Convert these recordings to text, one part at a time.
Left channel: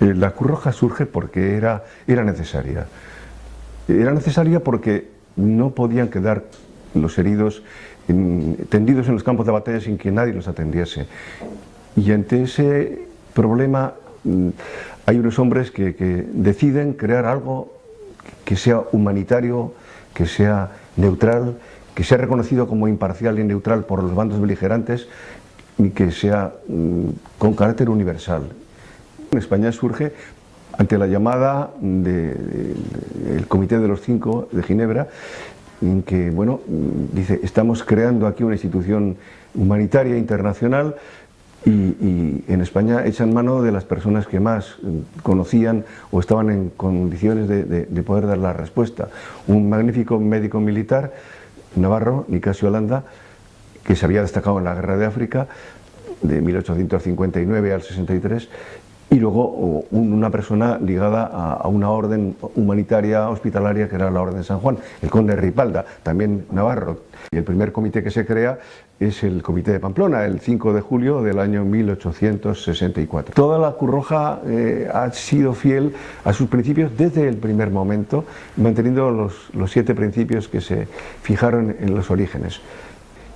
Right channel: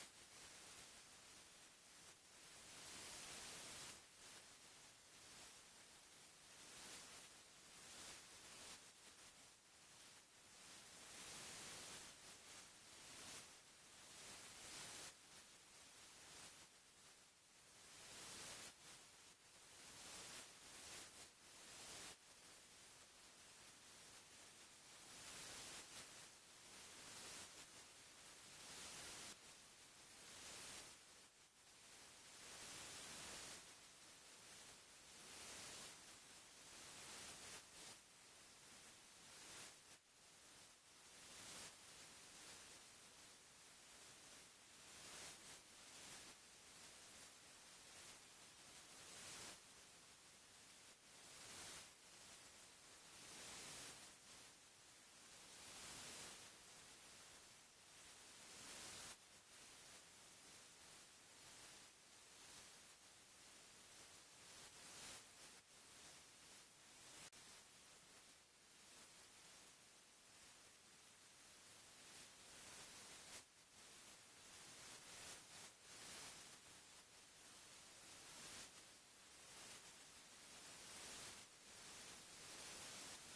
La Cruz Roja surge porque era necesaria. Era necesaria porque no podían quedar los heridos tendidos en los campos de batalla sin que nadie los atendiese. Y ante ese problema hay unos hombres que deciden crear algo que sea humanitario, que sea neutral, que sea reconocido como imparcial y neutral por los bandos beligerantes y que sea con carácter universal. En España surge ante la llamada del Comité de los Cinco de Ginebra, en que, bueno, dice, estamos creando aquí una institución humanitaria internacional y en España echan mano de las personas que más conocían o estaban en condiciones de poder dar la respuesta. Un magnífico médico militar navarro, Nicasio Landa, que se había destacado en la Guerra de África de 1859 al 63, y luego una persona ligada a una orden humanitaria hospitalaria que era la Orden de San Juan, el conde Ripalda, también navarro. Y el primer comité que se crea es el Comité de Pamplona, el 5 de julio del año 1864. Toda la Cruz Roja ha sido fiel a sus principios desde el primer momento, manteniendo los 7 principios que se fijaron en los orígenes.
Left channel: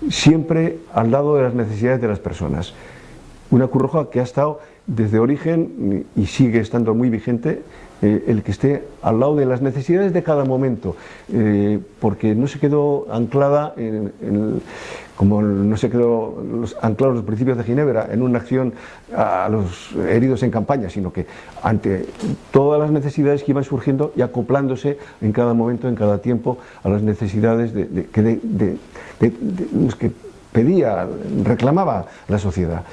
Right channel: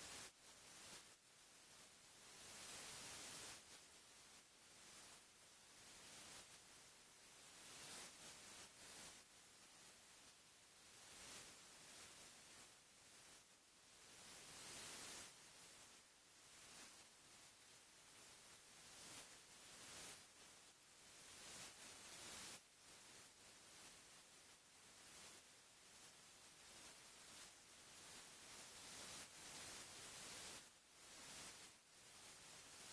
Siempre al lado de las necesidades de las personas. Una Cruz Roja que ha estado desde origen y sigue estando muy vigente, el que esté al lado de las necesidades de cada momento, porque no se quedó anclada como no se quedó anclados los principios de Ginebra en una acción a los heridos en campaña, sino que ante todas las necesidades que iban surgiendo y acoplándose en cada momento, en cada tiempo, a las necesidades de los que pedía, reclamaba la sociedad.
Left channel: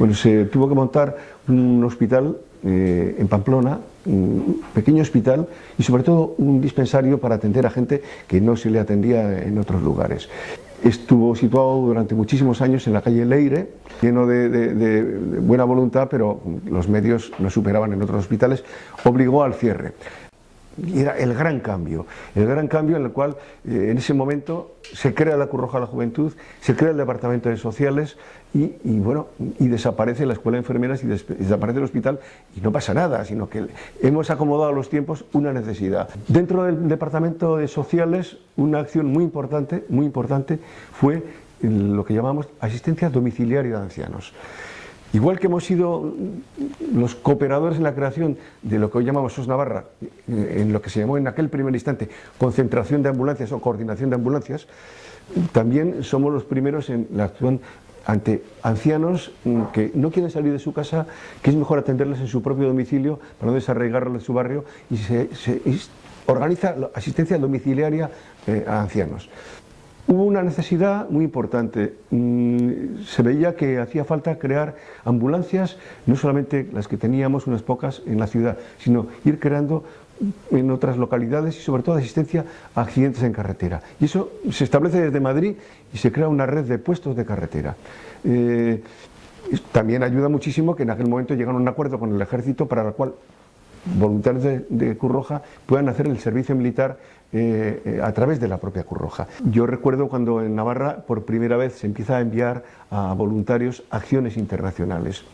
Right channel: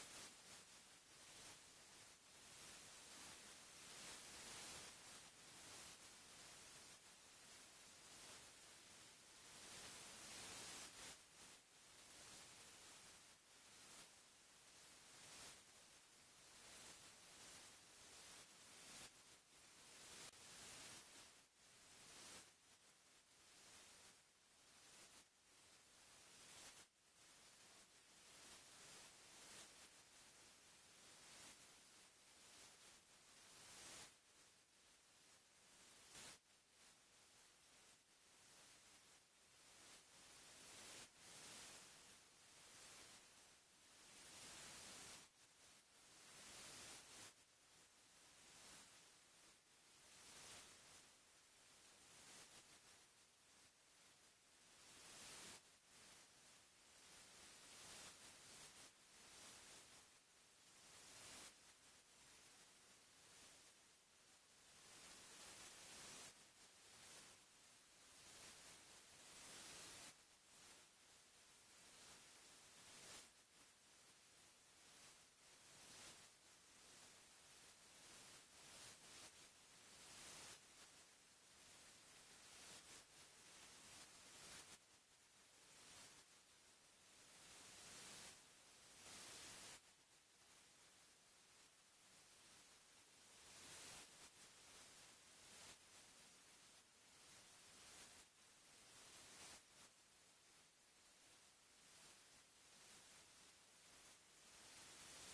Bueno, se tuvo que montar un hospital en Pamplona, un pequeño hospital y sobre todo un dispensario para atender a gente que no se le atendía en otros lugares. Estuvo situado durante muchísimos años en la calle Leire, lleno de buena voluntad, pero los medios no superaban en otros hospitales, obligó al cierre. Y era el gran cambio en el cual en ese momento se crea la Cruz Roja de la Juventud, se crea el Departamento de Sociales y desaparece la Escuela de Enfermeras y desaparece el hospital y no pasa nada, sino que hemos acomodado a los tiempos una necesidad. Dentro del Departamento de Sociales una acción muy importante fue lo que llamamos asistencia domiciliaria de ancianos. Igual que hemos sido los cooperadores en la creación de lo que hoy llamamos SOS Navarra, en lo que se llamó en aquel primer instante concentración de ambulancias o coordinación de ambulancias, también somos los primeros en la acción ante ancianos que no quieren salir de su casa, que es mejor atenderles en su propio domicilio para no desarraigarlos de su barrio, y se organiza la asistencia domiciliaria a ancianos. Hubo una necesidad muy importante, se veía que hacía falta crear ambulancias, no solamente las que teníamos, unas pocas en la ciudad, sino ir creando en otras localidades y sobre todo asistencia a accidentes en carretera. Y eso se establece desde Madrid y se crea una red de puestos de carretera. También ayuda muchísimo que en aquel momento llegaron a un acuerdo con el Ejército para el cual voluntarios de Cruz Roja puedan hacer el servicio militar a través de la propia Cruz Roja. Yo recuerdo cuando en Navarra por primera vez se empieza a enviar a voluntarios a acciones internacionales.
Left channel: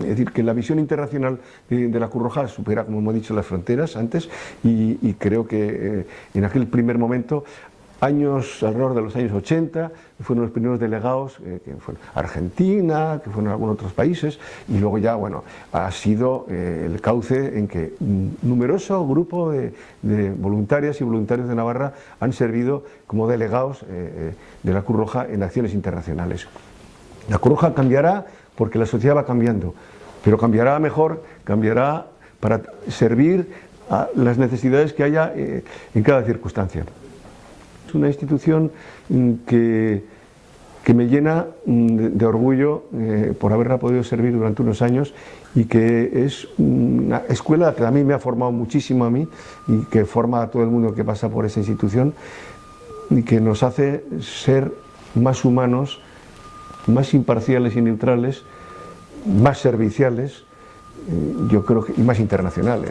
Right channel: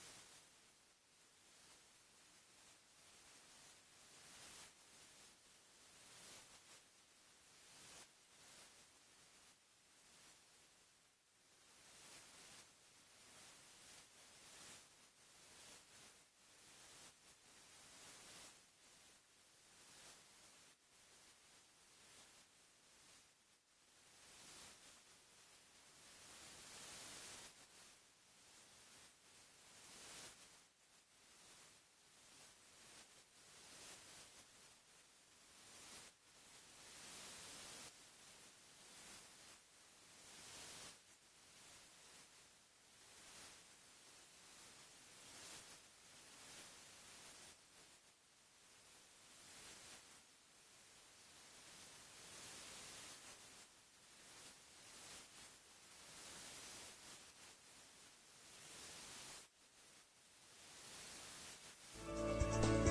Es decir, que la visión internacional de la Cruz Roja supera, como hemos dicho, las fronteras antes y creo que en aquel primer momento, alrededor de los años 80, fueron los primeros delegados, que fueron Argentina, que fueron algunos otros países, y luego ya, bueno, ha sido el cauce en que un numeroso grupo de voluntarias y voluntarios de Navarra han servido como delegados de la Cruz Roja en acciones internacionales. La Cruz Roja cambiará porque la sociedad va cambiando, pero cambiará mejor, cambiará para servir a las necesidades que haya en cada circunstancia. Es una institución que me llena de orgullo por haberla podido servir durante unos años y que es una escuela que a mí me ha formado muchísimo a mí y que forma a todo el mundo que pasa por esa institución y que nos hace ser más humanos, más imparciales y neutrales, más serviciales, yo creo que, y más internacionales.